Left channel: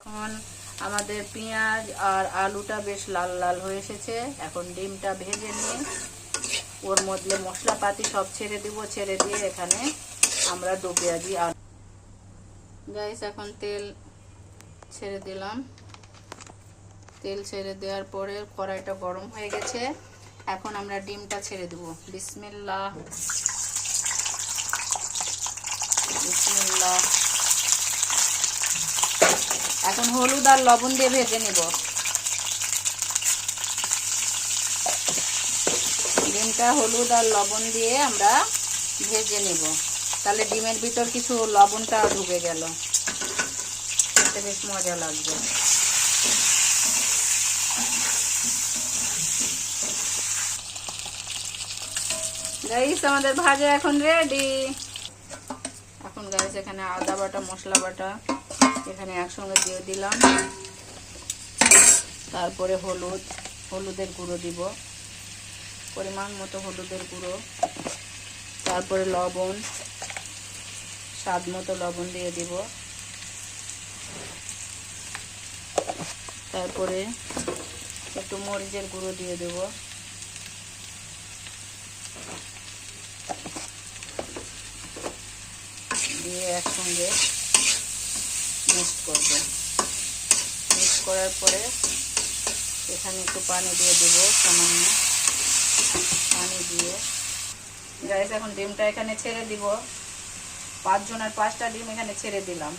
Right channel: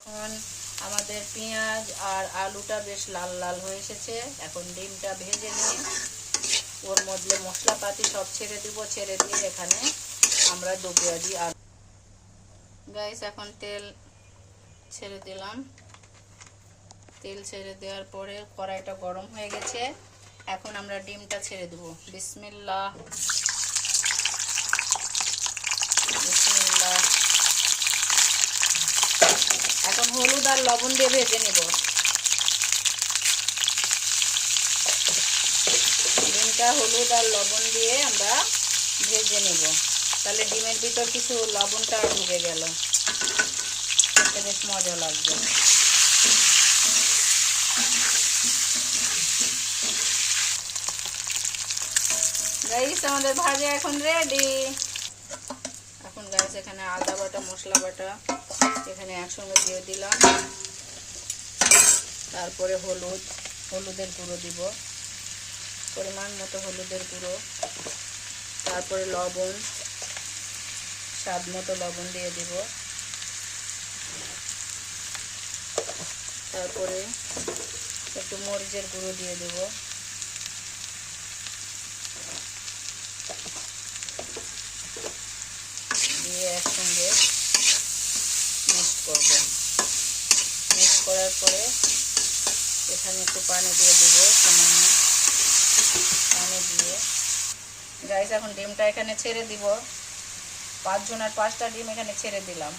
এখন আমাদের পেঁয়াজ আর আলুটা বেশ লাল লাল হয়ে এসেছে। এখন ডিমটা ভেজে নিয়ে ওর মধ্যে মশলাপাতি সব ছেড়ে দিব। ছেড়ে দিয়ে এখানে আমরা দো পেঁয়াজি আলু গাইস এখন তেল ছেড়ে দিলাম। তেল ছেড়ে দেওয়ার পরে কড়াইটা গরম হয়ে গেছে। এখন আমরা ডিমটা ছেড়ে দেব। বিসমিল্লাহ বিসমিল্লাহ। এখন হলুদ আর লবণ দিয়ে ভেজে নিব। ডিমটা হলুদ আর লবণ দিয়ে আমরা ভেজে নিব। তাহলে ডিমের ভিতর কিছু লবণটা ঢুকে গেল, খেতে বেশ মজা লাগবে। গাইস আমাদের ভাজা এখন রেডি। এখন গাইস এখানে আদা বাটা মশলা বাটা এখানে একসঙ্গে দিয়ে দিলাম। তারপরে হলুদের গুঁড়ো দিব, পরিমাণ মতো হলুদের গুঁড়ো। তারপরে লবণ, স্বাদ মতো লবণ দিয়ে দিব। তারপরে একটু মরিচের গুঁড়ো দিয়ে দেব। দিয়ে একসঙ্গে মিক্স করব। মিক্স করার পরে এখানে একটু পানি দিয়ে দেব, সামান্য পানি দিয়ে। গাইস এখন ডিমটা এখানে ছেড়ে দিব। 5 জনের 5টা ডিম এখানে ছেড়ে দিলাম।